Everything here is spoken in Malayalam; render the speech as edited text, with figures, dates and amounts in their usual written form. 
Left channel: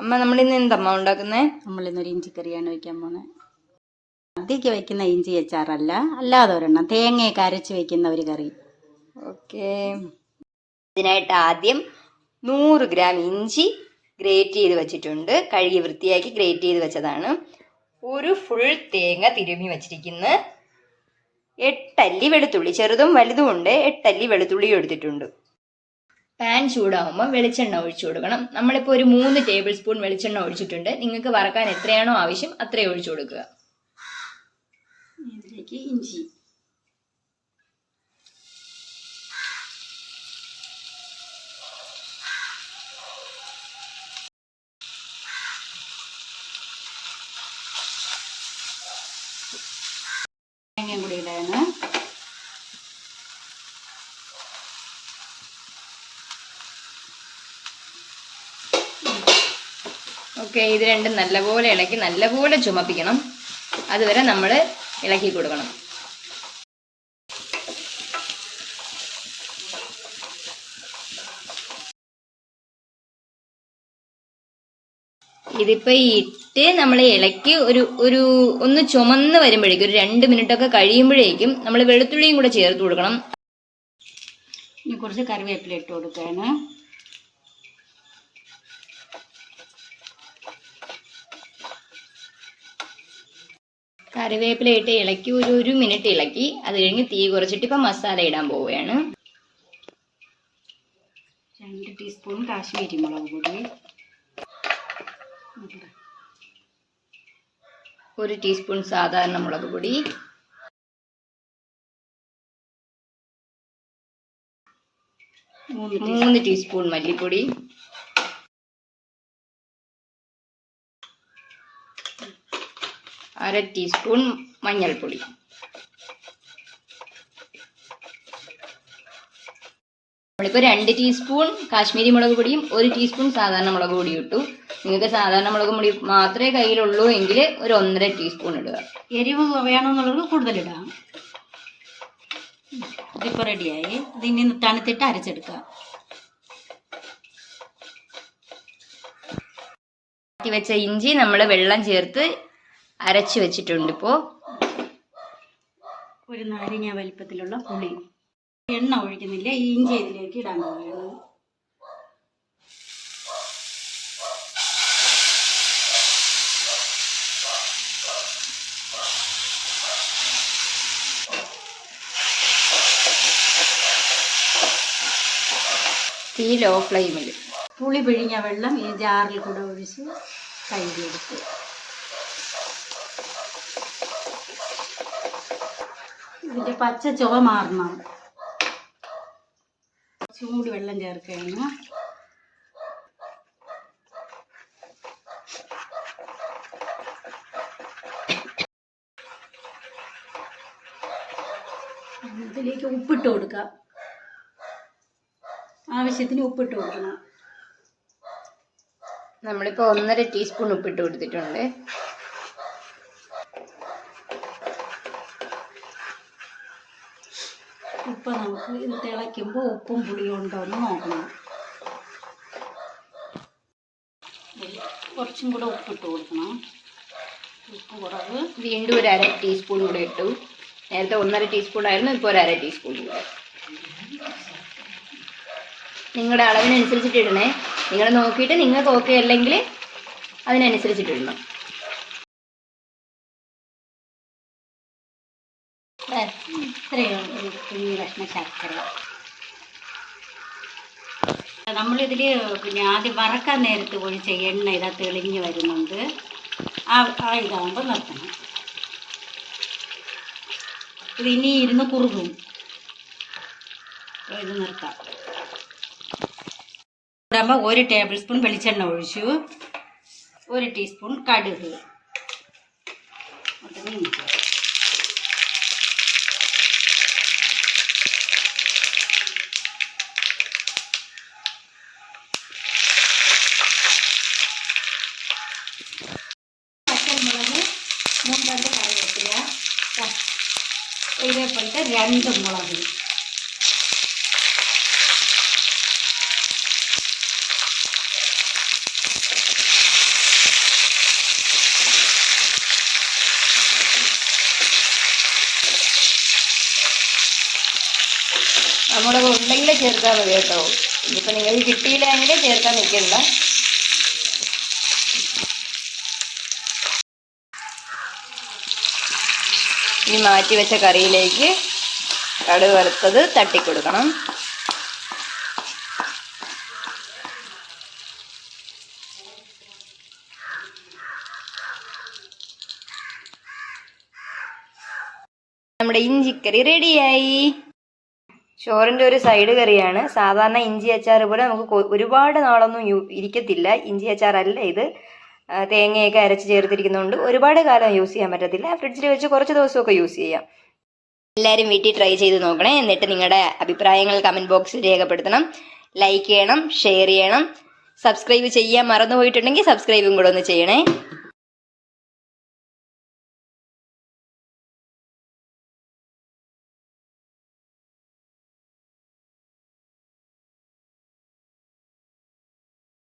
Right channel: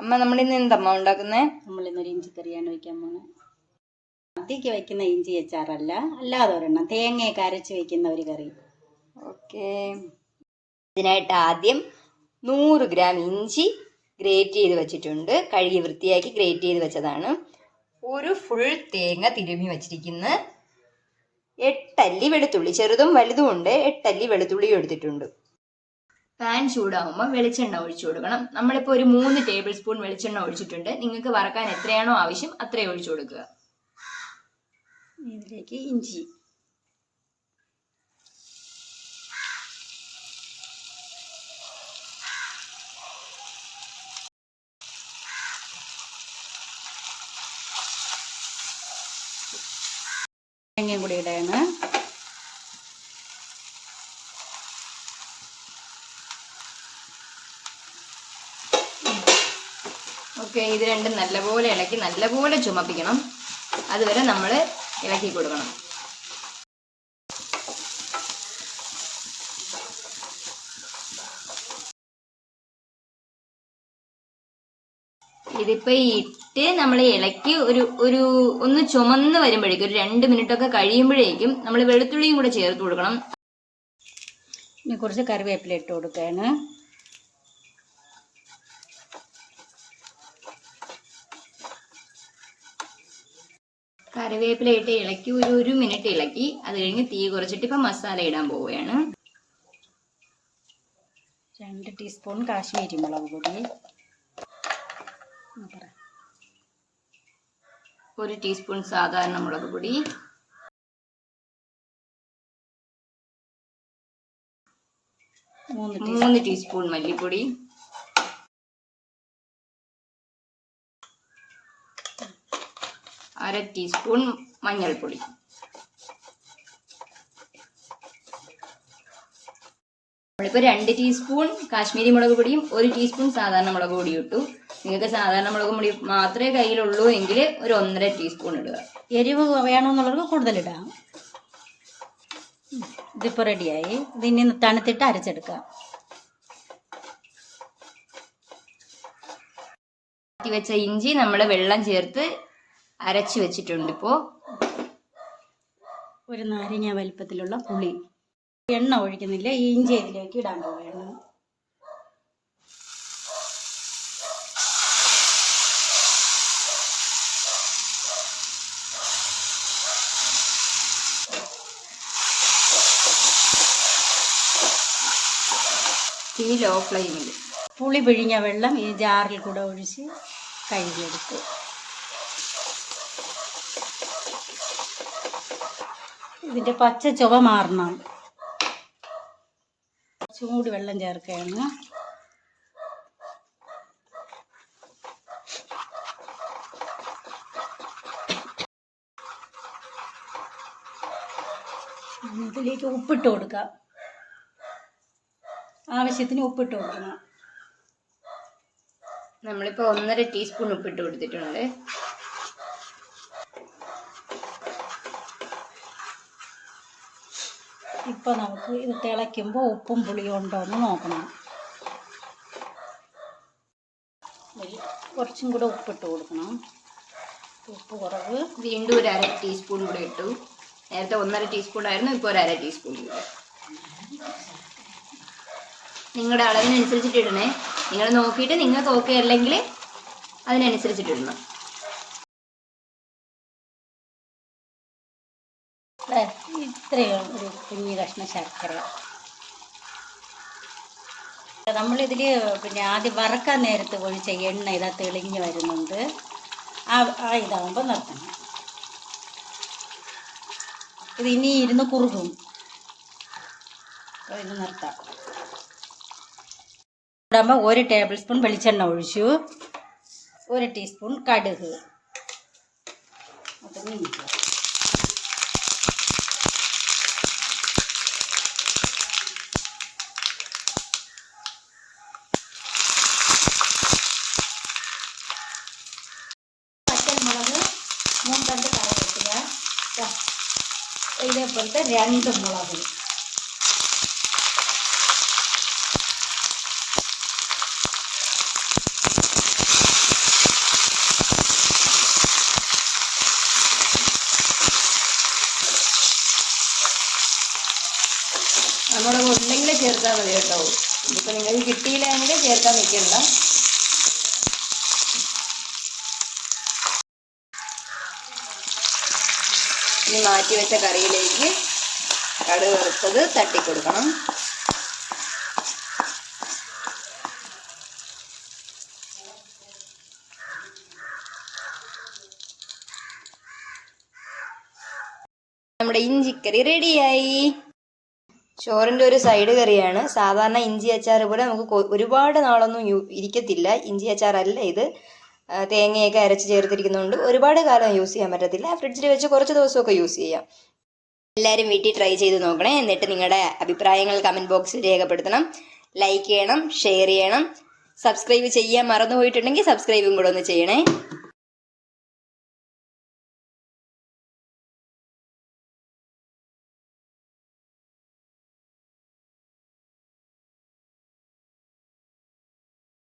അമ്മ നമ്മളിന്ന് എന്തമ്മ ഉണ്ടാക്കുന്നേ? നമ്മളിന്നൊരു ഇഞ്ചിക്കറിയാണ് വയ്ക്കാൻ പോകുന്നത്. സദ്യക്ക് വയ്ക്കുന്ന ഇഞ്ചി അച്ചാറല്ല, അല്ലാതെ ഒരെണ്ണം തേങ്ങയൊക്കെ അരച്ച് വയ്ക്കുന്ന ഒരു കറി. ഓക്കെ. ഇതിനായിട്ട് ആദ്യം 100 ഗ്രാം ഇഞ്ചി ഗ്രേറ്റ് ചെയ്ത് വെച്ചിട്ടുണ്ട്. കഴുകി വൃത്തിയാക്കി ഗ്രേറ്റ് ചെയ്ത് വെച്ചതാണ്. ഒരു ഫുൾ തേങ്ങ തിരുമ്മി വെച്ചിരിക്കുന്നു. 8 അല്ലി വെളുത്തുള്ളി, ചെറുതും വലുതും ഉണ്ട്. 8 അല്ലി വെളുത്തുള്ളി എടുത്തിട്ടുണ്ട്. പാൻ ചൂടാകുമ്പോൾ വെളിച്ചെണ്ണ ഒഴിച്ചു കൊടുക്കണം. നമ്മളിപ്പോൾ ഒരു 3 ടേബിൾ സ്പൂൺ വെളിച്ചെണ്ണ ഒഴിച്ചിട്ടുണ്ട്. നിങ്ങൾക്ക് വറക്കാൻ എത്രയാണോ ആവശ്യം അത്രയും ഒഴിച്ചു കൊടുക്കുക. ഇതിലേക്ക് ഇഞ്ചി, തേങ്ങയും കൂടി ഇടാണ്. ഓക്കെ, ഇത് രണ്ടും നല്ലപോലെ ഇളക്കി നല്ലപോലെ ചുമപ്പിക്കണം. അതുവരെ നമ്മൾ ഇളക്കി കൊടുക്കണം. ഇതിപ്പോൾ ഇട്ട് നമ്മൾ ഇളക്കി ഒന്ന് ചുമന്ന് വരുമ്പോഴേക്കും, ഒരു 2 മിനിറ്റൊക്കെ കഴിയുമ്പോഴേക്കും നമ്മൾ വെളുത്തുള്ളിയും കൂടെ ചേർത്ത് കൊടുക്കണം. ഇനി കുറച്ച് കറിവേപ്പില ഇട്ട് കൊടുക്കുകയാണ്. കറിവേപ്പില ഇട്ട് ഇളക്കി ഒരു മിനിറ്റ് ഇളക്കി. അത് കഴിഞ്ഞ് തീ കുറച്ചിട്ട് ഇപ്പം മസാല ഇടാൻ പോവുകയാണ്. 2 ടീസ്പൂൺ കാശ്മീരി മുളക് പൊടി, 1 ടീസ്പൂൺ സാധാരണ മുളക് പൊടി, 3 ടീസ്പൂൺ മല്ലിപ്പൊടി, 1/2 ടീസ്പൂൺ മഞ്ഞൾപ്പൊടി. നമ്മളിപ്പോൾ 2 ടീസ്പൂൺ കാശ്മീരി മുളക് പൊടിയും 1 ടീസ്പൂൺ സാധാരണ മുളക് പൊടിയും ഇട്ടു. നിങ്ങൾക്ക് സാധാരണ മുളക് പൊടി മാത്രമേ കയ്യിലുള്ളൂ എങ്കിൽ ഒരു 1.5 ടീസ്പൂൺ ഇടുക. എരിവ് വേണമെന്നുള്ളത് കൂടുതലിടാം. ഇതിപ്പോൾ റെഡിയായി. ഇതിനി തണുത്തിട്ട് അരച്ചെടുക്കാം. വെച്ച ഇഞ്ചി നമ്മൾ വെള്ളം ചേർത്ത് അരച്ച് വെച്ചിട്ടുണ്ട്. ഇപ്പോൾ ഒരു നാരങ്ങ വലിപ്പത്തിലുള്ള പുളി. എണ്ണ ഒഴിക്കുന്നില്ല, ഈ ഇഞ്ചി ഇതിലേക്ക് ഇടാൻ പോവുകയാണ്. തീ ലോ ഫ്ലെയിമിൽ. പുളി പിഴിഞ്ഞ വെള്ളം ഈ ജാറിൽ കൂടെ ഒഴിച്ച് കഴുകിയെടുക്കും. ഇതിൻ്റെ പച്ച ചുവ മാറണം. ചൂട് വെള്ളം ചേർക്കുകയാണ്. ഇതിലേക്ക് ഉപ്പിട്ട് കൊടുക്കാം. ആവശ്യത്തിന് ഉപ്പിട്ട് കൊടുക്കണം. നമ്മളിപ്പോൾ 1.5 ടീസ്പൂൺ ഉപ്പിട്ട് കൊടുത്തിട്ടുണ്ട്. ഇപ്പോൾ നമുക്ക് ഇത് തിളയ്ക്കുമ്പോൾ ഉപ്പും പുളിയും ഉണ്ടോ എന്ന് നോക്കണം. കുറച്ചും കൂടെ ഉപ്പിട്ട് കൊടുക്കണം. ഉപ്പ് കുറവ്. വീണ്ടും ഒരു 1/2 ടീസ്പൂൺ കൂടെ ഇട്ടു. നേരത്തെ 1.5 ടീസ്പൂൺ ആയിരുന്നു, ഇപ്പോൾ ഒരു 1/2 ടീസ്പൂൺ കൂടെ. നിങ്ങളുടെ അളവിനനുസരിച്ചിട്ട് ഇടണേ. നിങ്ങൾ നോക്കിയിട്ട് നിങ്ങൾക്ക് ഓക്കെ അല്ലെങ്കിൽ അതിനനുസരിച്ചിട്ടിടണം. ഇത്രയും കുഞ്ഞു കഷ്ണം ശർക്കര. നമ്മളിതിൽ ആദ്യം വറക്കാൻ നേരത്ത് ഒഴിച്ച എണ്ണ ഇതാ തെളിഞ്ഞ് വരുന്നുണ്ട്. ആ ഇതാകുമ്പോൾ നിർത്തണം. ഇത് ഇനി ഇരുന്ന് കുറുകും. ഇത് നിർത്താം. 1 ടേബിൾ സ്പൂൺ വെളിച്ചെണ്ണ ഒഴിച്ചു. 1 ടീസ്പൂൺ കടുക്. പച്ചമുളക് 3 കറിവേപ്പില, ഇതേപോലത്തെ 2 മുളക്. വറ്റൽമുളക് ഉണ്ടെങ്കിൽ ചേർത്താൽ മതി കേട്ടോ. ഇതിപ്പോൾ നിങ്ങൾക്ക് കിട്ടിയില്ലെങ്കിൽ ചേർക്കാൻ നിൽക്കണ്ട. ഈ മാറ്റി വെച്ച കറിയിലേക്ക് കടുക് വറുത്തത് തട്ടിക്കൊടുക്കണം. നമ്മുടെ ഇഞ്ചിക്കറി റെഡിയായി. ചോറിൻ്റെ ഒരു സൈഡ് കറിയാണ്. സാധാരണ ഇഞ്ചി അച്ചാർ പോലെ നമുക്ക് ഒരുപാട് നാളൊന്നും ഇരിക്കത്തില്ല. ഇഞ്ചി അച്ചാറല്ല ഇത്. തേങ്ങയൊക്കെ അരച്ച് ചേർത്തിരിക്കുന്നതുകൊണ്ട് ഒരുപാട് കാലം യൂസ് ചെയ്യാൻ പറ്റത്തില്ല. ഫ്രിഡ്ജിൽ വെച്ച് കുറച്ച് ദിവസമൊക്കെ യൂസ് ചെയ്യാം. എല്ലാവരും വീട്ടിൽ ട്രൈ ചെയ്ത് നോക്കണേ. എന്നിട്ട് നിങ്ങളുടെ അഭിപ്രായങ്ങൾ കമൻറ്റ് ബോക്സിൽ രേഖപ്പെടുത്തണം. ലൈക്ക് ചെയ്യണം, ഷെയർ ചെയ്യണം. സബ്സ്ക്രൈബ് ചെയ്യാൻ മറന്നു പോയിട്ടുണ്ടെങ്കിൽ സബ്സ്ക്രൈബും കൂടെ ഒന്ന് ചെയ്യണേ.